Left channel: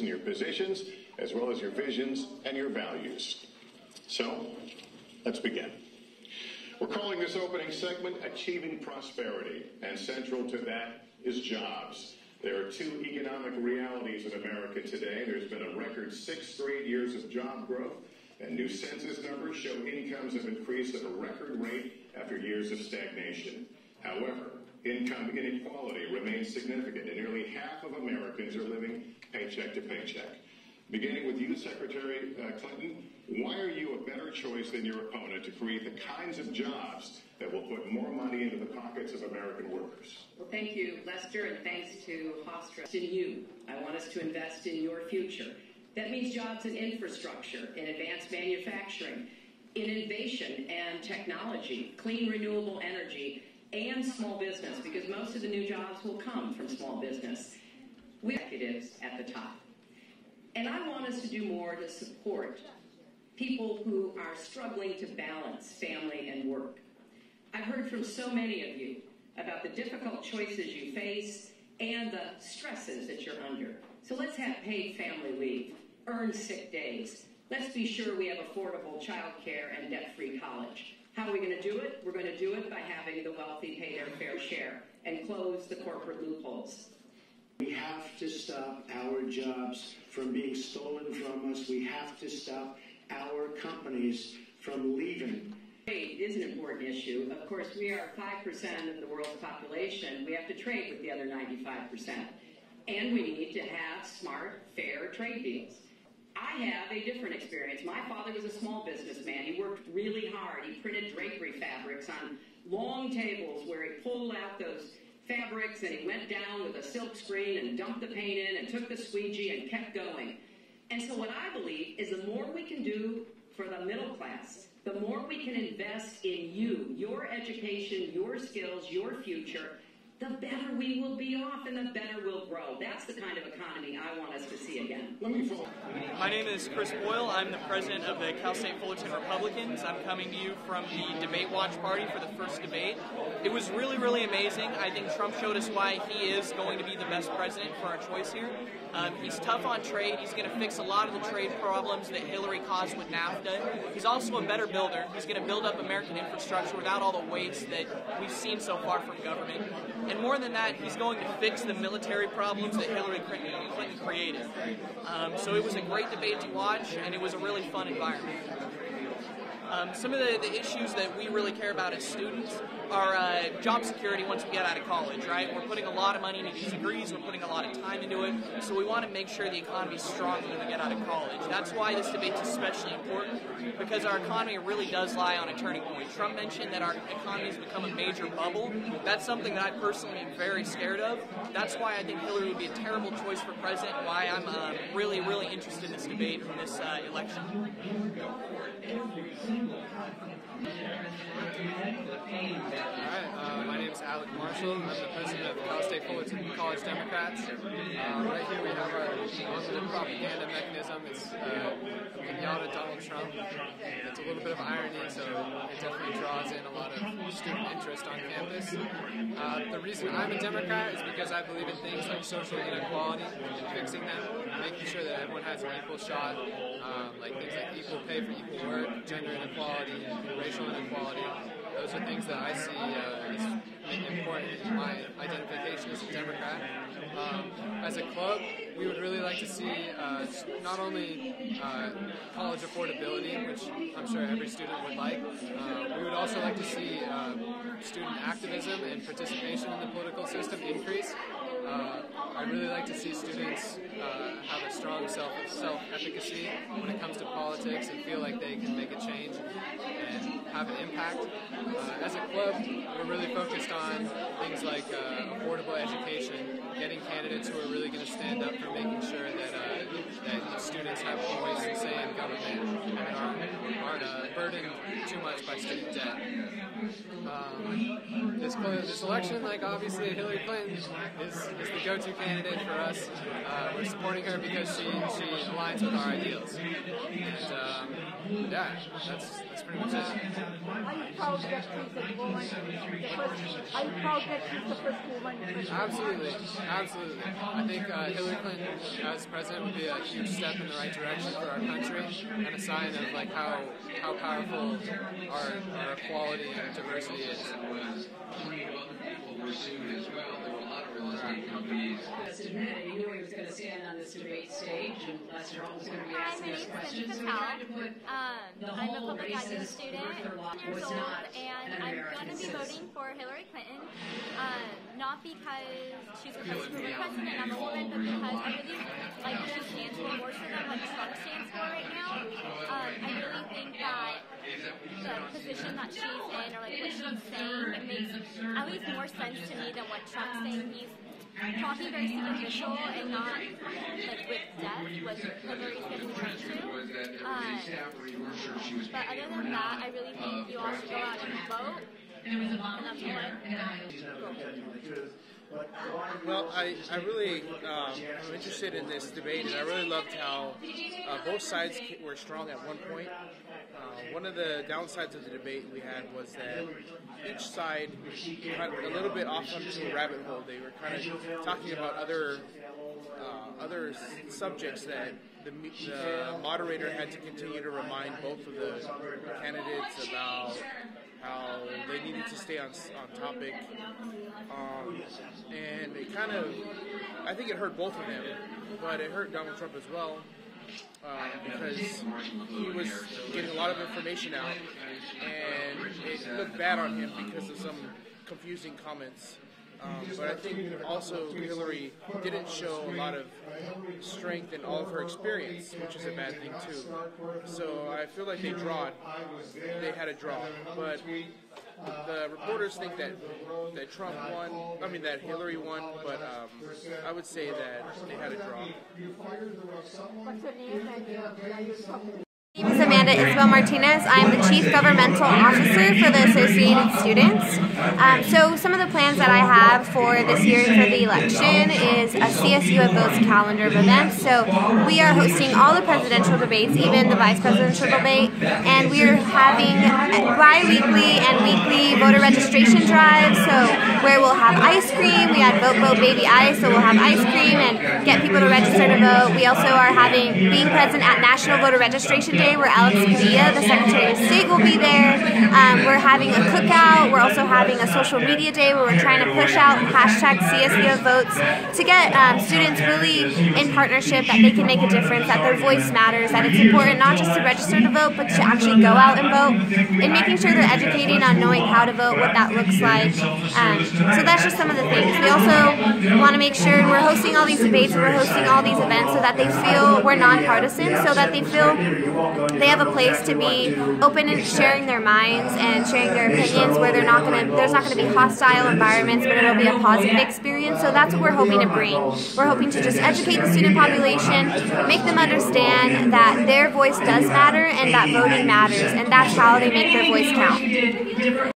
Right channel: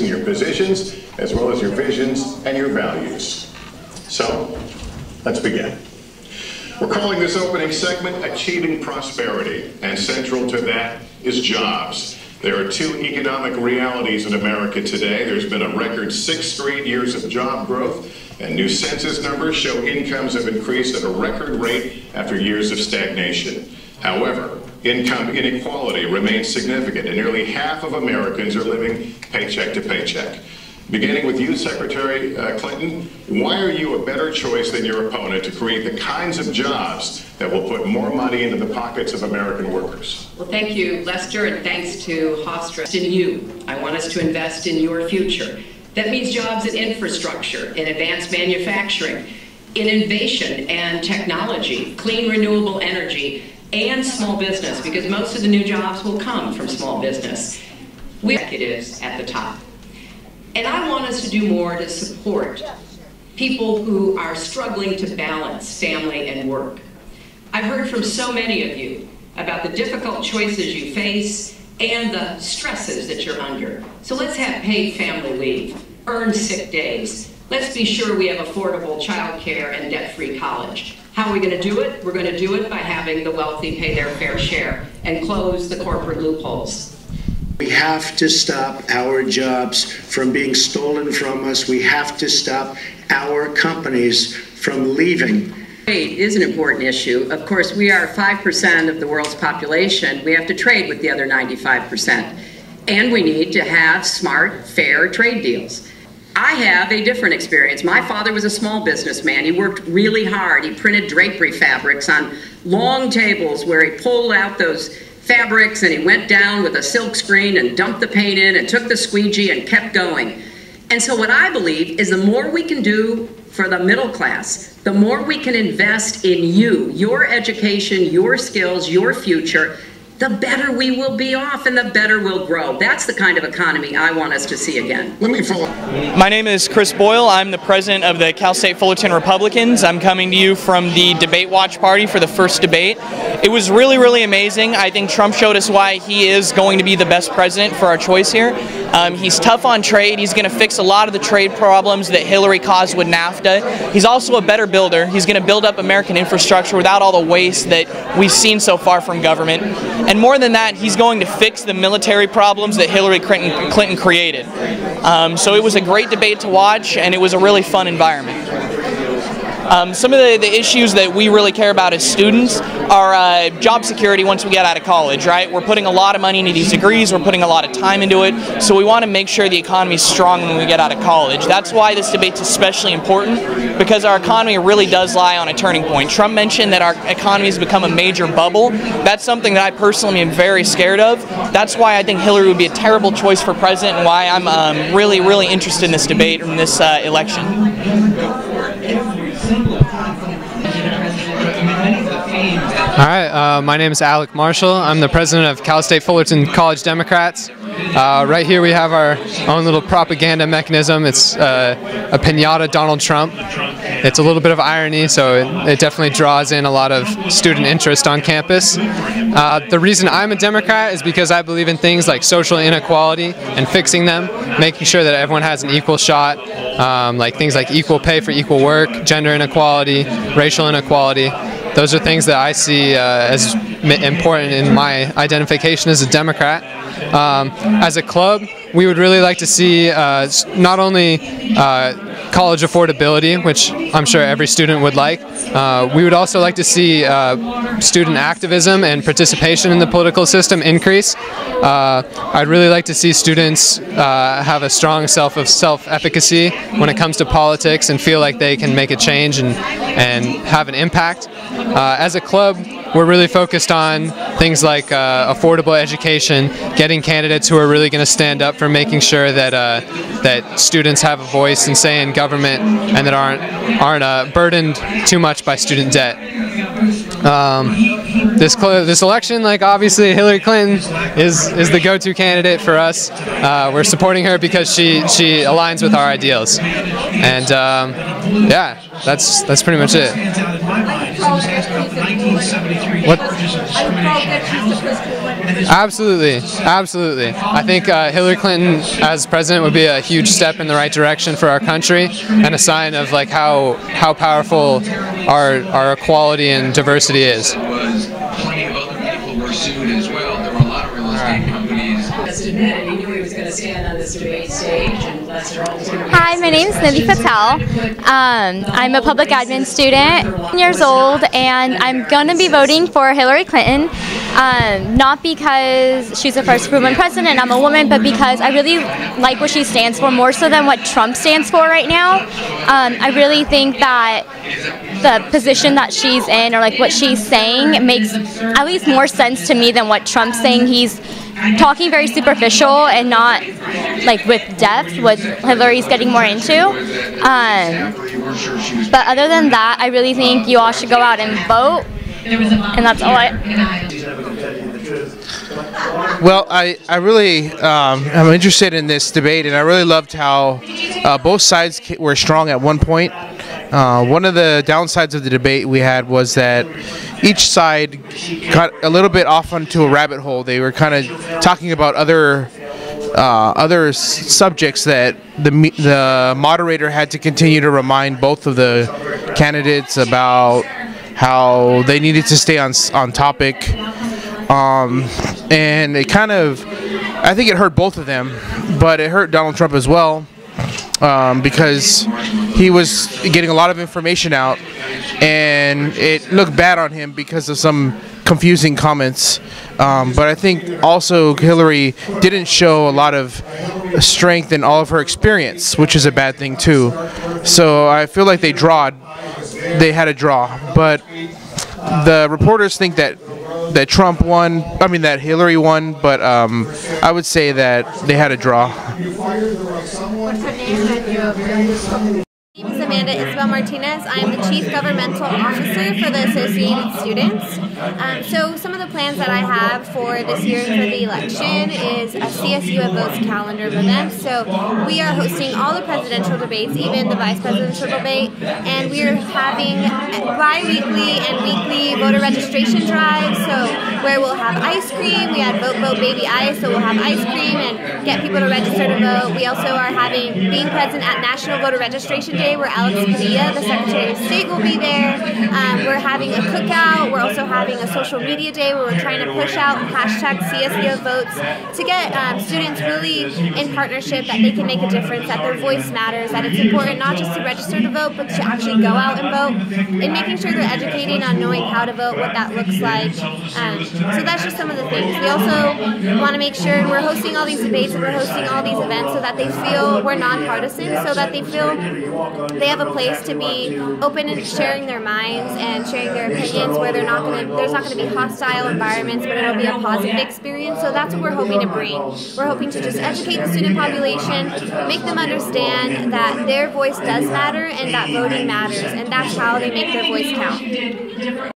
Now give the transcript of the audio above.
in your positions, as well as your visions and your values. So, let's begin. We're calling this opening segment Achieving Prosperity, and central to that is jobs. There are two economic realities in America today. There's been a record 6 straight years of job growth, and new census numbers show incomes have increased at a record rate after years of stagnation. However, income inequality remains significant, and nearly half of Americans are living paycheck to paycheck. Beginning with you, Secretary Clinton, why are you a better choice than your opponent to create the kinds of jobs that will put more money into the pockets of American workers? Well, thank you, Lester, and thanks to Hofstra. In you, I want us to invest in your future. That means jobs in infrastructure, in advanced manufacturing, in innovation and technology, clean renewable energy, and small business, because most of the new jobs will come from small business. We executives at the top. And I want us to do more to support people who are struggling to balance family and work. I've heard from so many of you about the difficult choices you face and the stresses that you're under. So let's have paid family leave, earn sick days. Let's be sure we have affordable child care and debt-free college. How are we going to do it? We're going to do it by having the wealthy pay their fair share and close the corporate loopholes. We have to stop our jobs from being stolen from us. We have to stop our companies from leaving. Trade is an important issue. Of course, we are 5% of the world's population. We have to trade with the other 95%. And we need to have smart, fair trade deals. I have a different experience. My father was a small businessman. He worked really hard. He printed drapery fabrics on long tables where he pulled out those fabrics and he went down with a silk screen and dumped the paint in and took the squeegee and kept going. And so what I believe is the more we can do for the middle class, the more we can invest in you, your education, your skills, your future, the better we will be off and the better we'll grow. That's the kind of economy I want us to see again. Let me follow. My name is Chris Boyle. I'm the president of the Cal State Fullerton Republicans. I'm coming to you from the Debate Watch Party for the first debate. It was really, really amazing. I think Trump showed us why he is going to be the best president for our choice here. He's tough on trade. He's going to fix a lot of the trade problems that Hillary caused with NAFTA. He's also a better builder. He's going to build up American infrastructure without all the waste that we've seen so far from government. And more than that, he's going to fix the military problems that Hillary Clinton created. So it was a great debate to watch, and it was a really fun environment. Some of the issues that we really care about as students are job security once we get out of college, right? We're putting a lot of money into these degrees, we're putting a lot of time into it, so we want to make sure the economy is strong when we get out of college. That's why this debate's especially important, because our economy really does lie on a turning point. Trump mentioned that our economy has become a major bubble. That's something that I personally am very scared of. That's why I think Hillary would be a terrible choice for president, and why I'm really, really interested in this debate and this election. All right, my name is Alec Marshall. I'm the president of Cal State Fullerton College Democrats. Right here we have our own little propaganda mechanism. It's a piñata Donald Trump. It's a little bit of irony, so it definitely draws in a lot of student interest on campus. The reason I'm a Democrat is because I believe in things like social inequality and fixing them, making sure that everyone has an equal shot, like things like equal pay for equal work, gender inequality, racial inequality. Those are things that I see as important in my identification as a Democrat. As a club, we would really like to see not only college affordability, which I'm sure every student would like. We would also like to see student activism and participation in the political system increase. I'd really like to see students have a strong sense of self-efficacy when it comes to politics and feel like they can make a change and have an impact. As a club, we're really focused on things like affordable education, getting candidates who are really going to stand up for making sure that that students have a voice and say in government, and that aren't burdened too much by student debt. This election, like obviously Hillary Clinton is the go-to candidate for us. We're supporting her because she aligns with our ideals, and yeah, that's pretty much it. What? Absolutely, absolutely. I think Hillary Clinton as president would be a huge step in the right direction for our country, and a sign of like how powerful our equality and diversity is. Plenty of other people were sued as well. There were a lot of real estate companies. And he knew he was going to stand on this debate stage, and Lester Holt was going to... Hi, my name is Nidhi Patel. I'm a public admin student, 10 years old, and I'm going to be voting for Hillary Clinton. Not because she's the first woman president and I'm a woman, but because I really like what she stands for, more so than what Trump stands for right now. I really think that the position that she's in, or like what she's saying, makes at least more sense to me than what Trump's saying. He's talking very superficial and not like with depth, what Hillary's getting more into. But other than that, I really think you all should go out and vote, and that's all Well, I really I'm interested in this debate, and I really loved how both sides were strong at one point. One of the downsides of the debate we had was that each side got a little bit off onto a rabbit hole. They were kind of talking about other subjects that the moderator had to continue to remind both of the candidates about how they needed to stay on topic. And it kind of, I think it hurt both of them, but it hurt Donald Trump as well, because he was getting a lot of information out, and it looked bad on him because of some confusing comments. But I think also Hillary didn't show a lot of strength in all of her experience, which is a bad thing too. So I feel like they had a draw, but the reporters think that Trump won, that Hillary won, but I would say that they had a draw. What's your name? My name is Amanda Isabel Martinez. I'm the Chief Governmental Officer for the Associated Students. So some of the plans that I have for this year for the election is a CSU Votes calendar of events. So we are hosting all the presidential debates, even the vice presidential debate, and we are having bi-weekly and weekly voter registration drives, so where we'll have ice cream. We had Vote Vote Baby Ice, so we'll have ice cream and get people to register to vote. We also are being present at National Voter Registration Day, where Alex Padilla, the Secretary of State, will be there. We're having a cookout. We're also having a social media day where we're trying to push out hashtag CSU Votes to get students really in partnership, that they can make a difference, that their voice matters, that it's important not just to register to vote, but to actually go out and vote, and making sure they're educating on knowing how to vote, what that looks like. So that's just some of the things. We also want to make sure we're hosting all these debates and we're hosting all these events so that they feel we're nonpartisan, so that they feel they have a place to be open and sharing their minds and sharing their opinions, where there's not going to be hostile environments, but it'll be a positive experience. So that's what we're hoping to bring. We're hoping to just educate the student population, make them understand that their voice does matter and that voting matters, and that's how they make their voice count.